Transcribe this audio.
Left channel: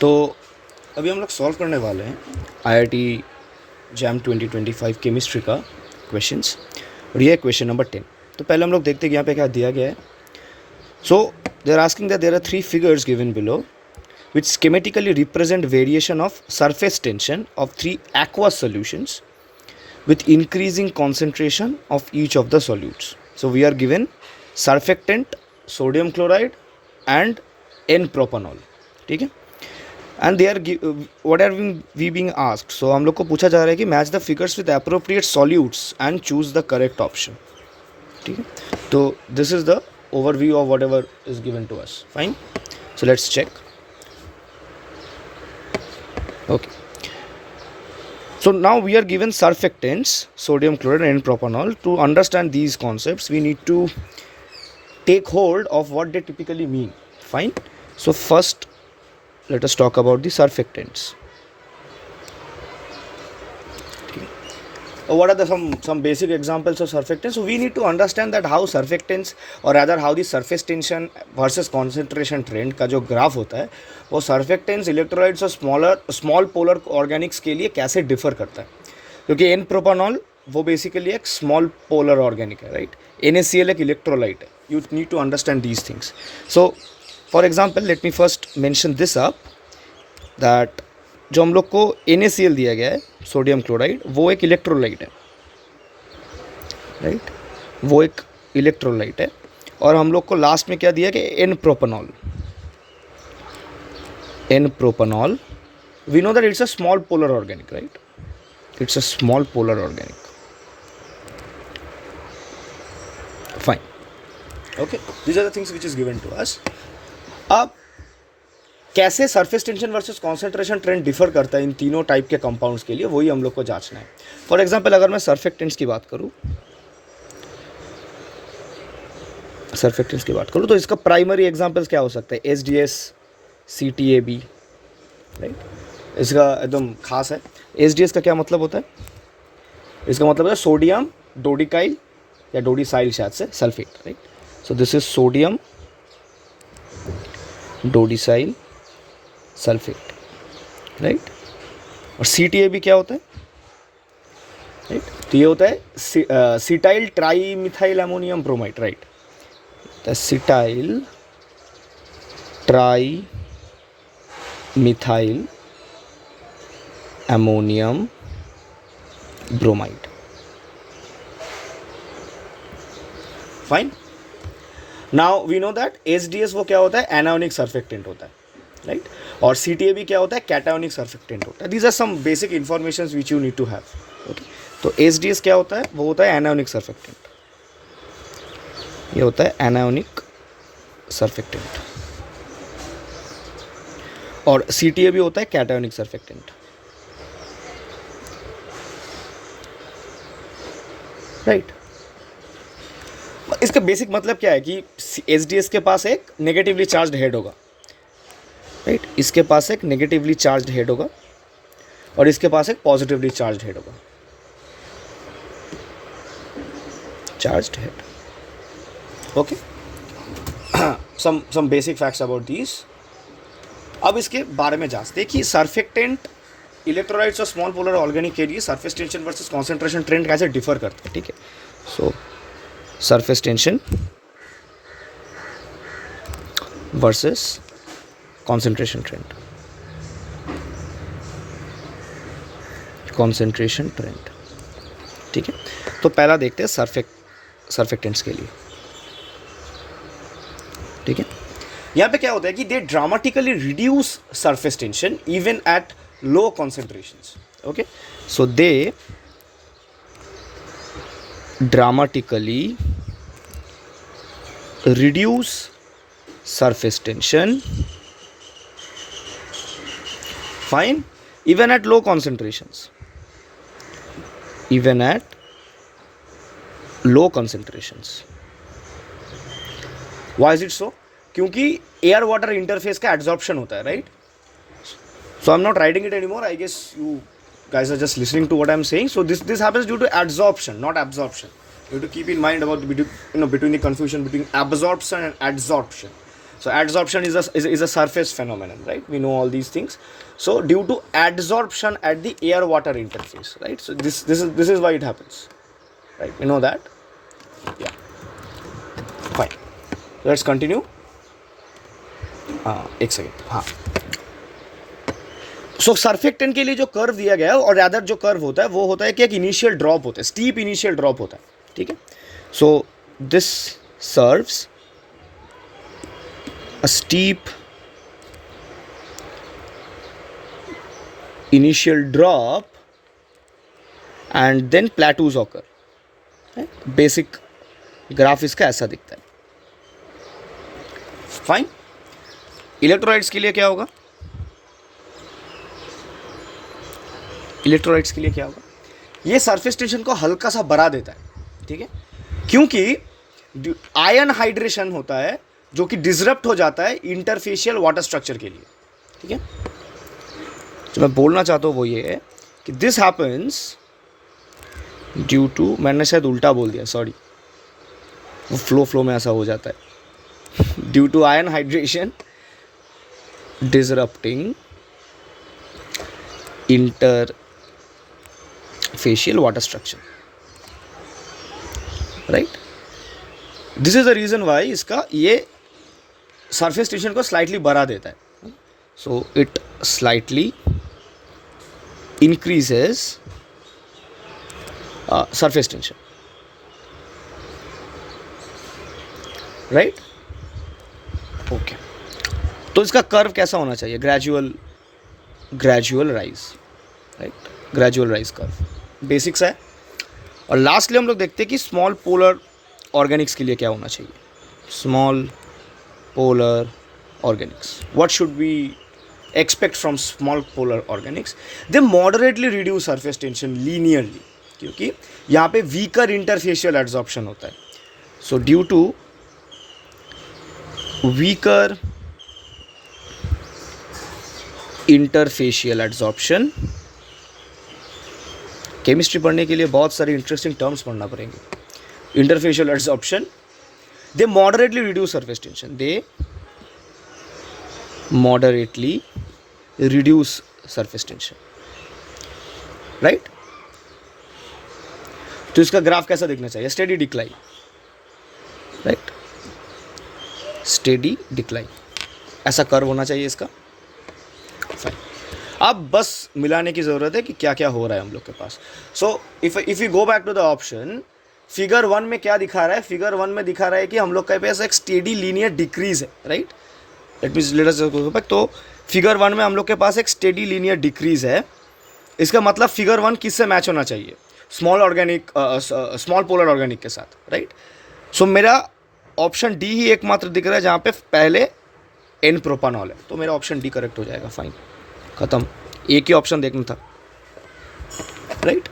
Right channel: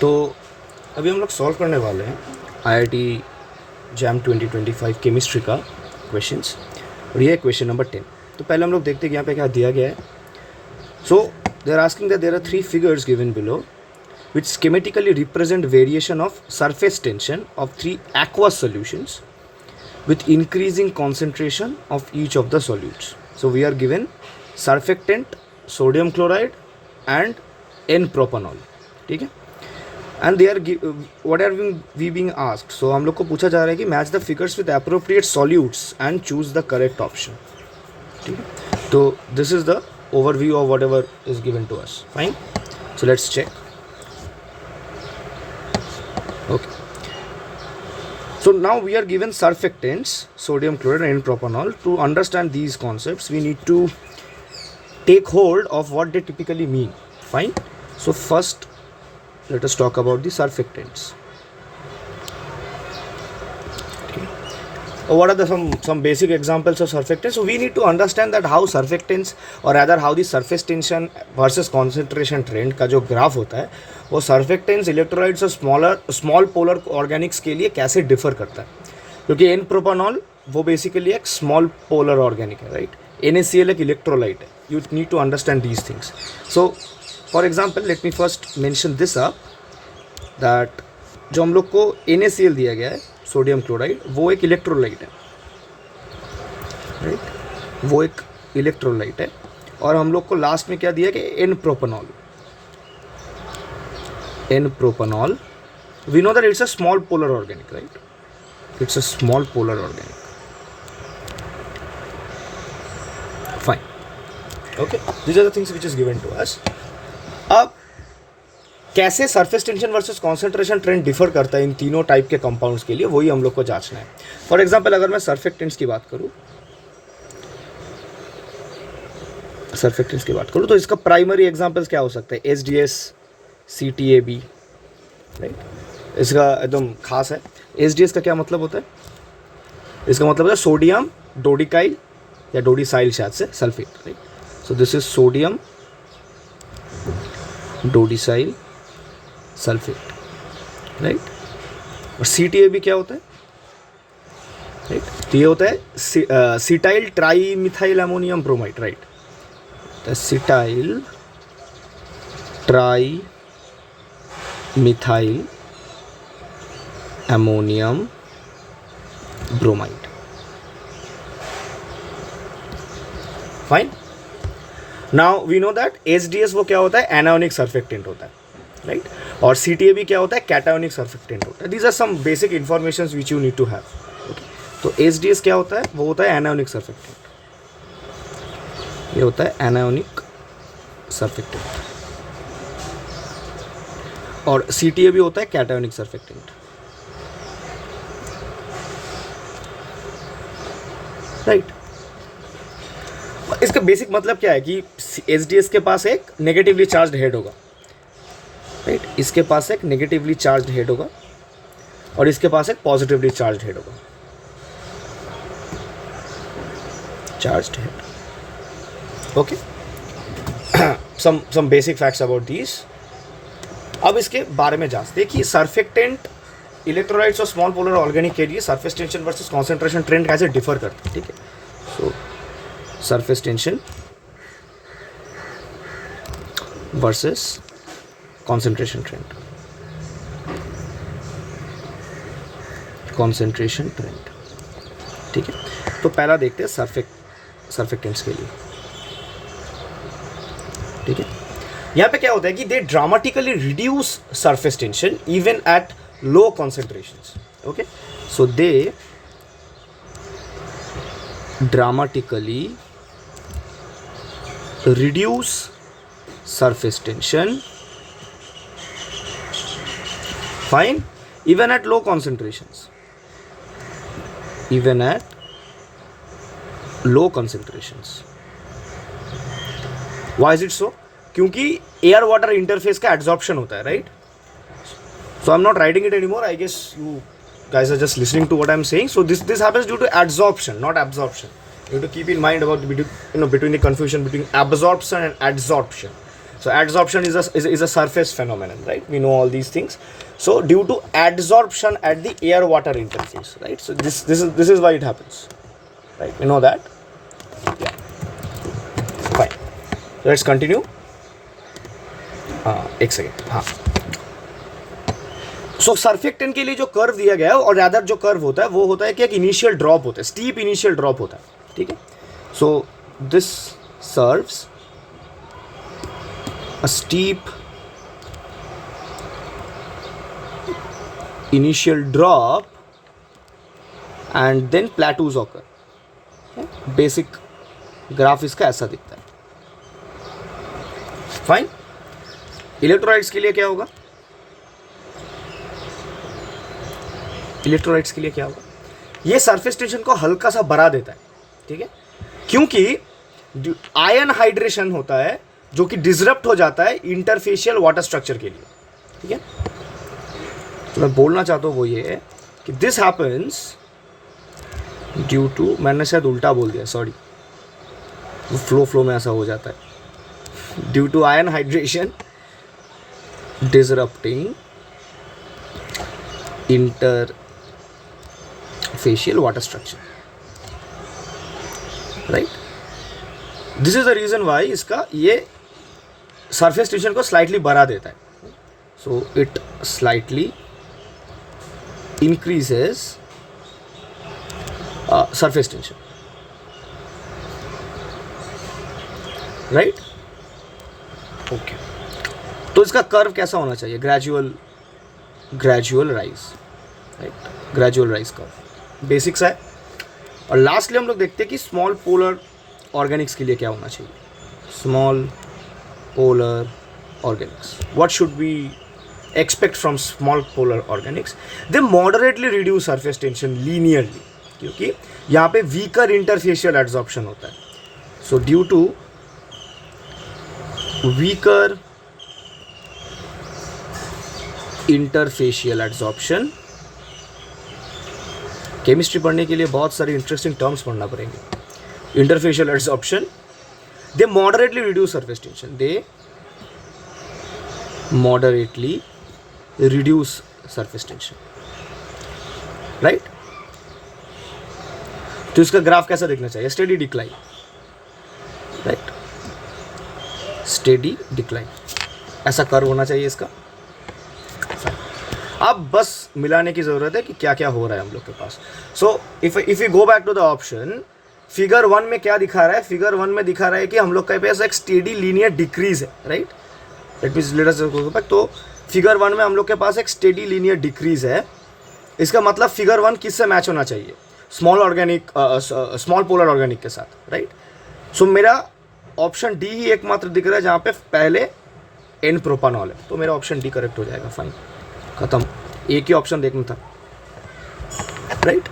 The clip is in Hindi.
तो अभी हम लोग सॉल्व करने वाले हैं IIT जैम 2025 केमिस्ट्री का क्वेश्चंस, और ये है क्वेश्चन नंबर 10। तो पहले हम लोग देखते हैं कि यहाँ पे क्या दिया गया है। So they are asking that there are 3 figures given below which schematically represent variation of surface tension of 3 aqueous solutions with increasing concentration of each of the solutes. So we are given surfactant, sodium chloride and N-propanol. ठीक है, and they are what are we being asked? So हम लोग को पूछा जा रहा है कि match the figures with appropriate solutes and choose the correct option. ठीक है, तो this is the overview of whatever is given to us. Fine, so let's check. Okay, so now we are given surfactants, sodium chloride and propanol. To understand these concepts we need to take hold of what they typically mean. Fine, so first let us talk about the surfactants. Okay. What are the some basic examples of surfactants? So we need to understand that how surfactants, or rather how the surface tension versus concentration trend का जो ग्राफ होता है वो surfactants, electrolytes और स्मॉल पोलर ऑर्गेनिक्स के लिए कैसे डिफर करता है, क्योंकि एन प्रोपानॉल वो बेसिकली एक स्मॉल पोलर ऑर्गेनिक है, राइट। NaCl एक इलेक्ट्रोलाइट है। You need to understand these things. So for example let me first mention this up that जो हम लोग को NaCl दिया गया है, सोडियम क्लोराइड, वो एक इलेक्ट्रोलाइट है, राइट, वो एक इलेक्ट्रोलाइट है। और हम लोग को लास्ट में क्या दिया कि N प्रोपानॉल, we know that it's a small polar organic, right? It's a small polar organic. Fine, okay, these are the things which is given to us. अब कैसे surface tension versus concentration trend differ करता है इन तीनों टाइप के कंपाउंड्स के लिए, वही हम लोग को जांचना है। फॉर एग्जांपल अगर मैं सर्फेक्टेंट्स की बात करूं, तो इसका प्राइमरी एग्जांपल्स क्या हो सकते हैं? SDS, CTAB, right. इसका एकदम खास है। SDS का क्या मतलब होता है? इसका मतलब है सोडियम डोडिकाइल या डोडिसाइल शायद से sulphate, right. So this is sodium dodecyl sulphate, right. और CTAB क्या होता है? राइट, तो ये होता है cetyl trimethyl ammonium bromide, right. Cetyl trimethyl ammonium bromide. Fine, now we know that SDS वो क्या होता है? एनायोनिक सर्फेक्टेंट होता है, राइट। और CTAB क्या होता है? कैटायोनिक सर्फेक्टेंट होता है। These are some basic information which you need to have, okay. तो SDS क्या होता है? वो होता है एनायोनिक सर्फेक्टेंट, ये होता है एनायोनिक सर्फेक्टेंट। और CTAB होता है कैटायोनिक सर्फेक्टेंट, राइट। इसका बेसिक मतलब क्या है कि SDS के पास एक नेगेटिवली चार्ज्ड हेड होगा, राइट। इसके पास एक नेगेटिवली चार्ज्ड हेड होगा और इसके पास एक पॉजिटिवली चार्ज्ड हेड होगा, charged head, okay. Some basic facts about this. अब इसके बारे में जांचते हैं कि सर्फेक्टेंट, इलेक्ट्रोलाइट्स और स्मॉल पोलर ऑर्गेनिक के लिए surface tension versus concentration trend कैसे डिफर करते हैं, ठीक है। So surface tension versus concentration trend, ठीक है। तो पहला देखते हैं सर्फेक्टेंट्स के लिए, ठीक है। यहाँ पे क्या होता है कि they dramatically reduce surface tension even at low concentrations, okay. So they dramatically reduce surface tension, fine, even at low concentrations, why is it so? क्योंकि एयर वाटर इंटरफेस का एड्जॉर्प्शन होता है, right. So I am not writing it anymore, I guess you guys are just listening to what I'm saying. So this happens due to adsorption, not absorption. You have to keep in mind about between the confusion between absorption and adsorption. So adsorption is a surface phenomenon, right? We know all these things. So due to adsorption at the air water interface, right? So this is why it happens, right? We know that. Yeah, fine. Let's continue. एक सेकेंड. हाँ, सो सर्फेक्टेंट के लिए जो कर्व दिया गया है, और रैदर जो कर्व होता है वो होता है कि एक इनिशियल ड्रॉप होता है, स्टीप इनिशियल ड्रॉप होता है. ठीक है. So this serves a steep initial drop and then plateaus occur. Basic graph इसका ऐसा दिखता है. फाइन. इलेक्ट्रोलाइट्स के लिए क्या होगा? इलेक्ट्रोलाइट्स के लिए क्या होगा? ये सरफेस टेंशन को हल्का सा बढ़ा देता है. ठीक है, क्योंकि आयन हाइड्रेशन होता है जो कि डिसरप्ट हो जाता है इंटरफेशियल वाटर स्ट्रक्चर के लिए. ठीक है, तो मैं बोलना चाहता हूँ वो ये है कि दिस हैपन्स ड्यू टू, मैंने शायद उल्टा बोल दिया, सॉरी, वो फ्लो में ऐसा हो जाता है. Due to ion hydration disrupting interfacial water structure, right. This is the reason why इसका ये सरफेस टेंशन को स्लाइटली बढ़ा देता है. So it slightly increases surface tension, right. Okay, तो इसका कर्व कैसा होना चाहिए? Gradual rise, right. Gradual rise curve basics है. और लास्टली हम लोग देखते हैं कि स्मॉल पोलर ऑर्गेनिक्स के लिए क्या होना चाहिए. Small polar organics, what should we expect from small polar organics? They moderately reduce surface tension linearly, क्योंकि यहाँ पे weaker interfacial adsorption होता है. So due to weaker interfacial adsorption, chemistry पढ़ने के लिए बहुत सारे इंटरेस्टिंग टर्म्स पढ़ना पड़ेंगे. Interfacial adsorption, they moderately reduce surface tension. They moderately reduce surface tension, right? तो इसका ग्राफ कैसा दिखना चाहिए? Steady decline, right. Steady decline ऐसा कर्व होना चाहिए इसका. अब बस मिलाने की ज़रूरत है कि क्या क्या हो रहा है हम लोग के पास. So if you go back to the option, figure 1 में क्या दिखा रहा है? फिगर 1 में दिखा रहा है कि हम लोग के पास एक स्टेडी लीनियर डिक्रीज है, right. Let us go back. तो फिगर 1 में हम लोग के पास एक स्टेडी लीनियर डिक्रीज है. इसका मतलब फिगर 1 किससे मैच होना चाहिए? स्मॉल पोलर ऑर्गेनिक के साथ, राइट. सो मेरा ऑप्शन डी ही एकमात्र दिख रहा है जहाँ पे पहले एन प्रोपानॉल है, तो मेरा ऑप्शन डी करेक्ट हो जाएगा. फाइन, खत्म. एक ही ऑप्शन देखना था, राइट.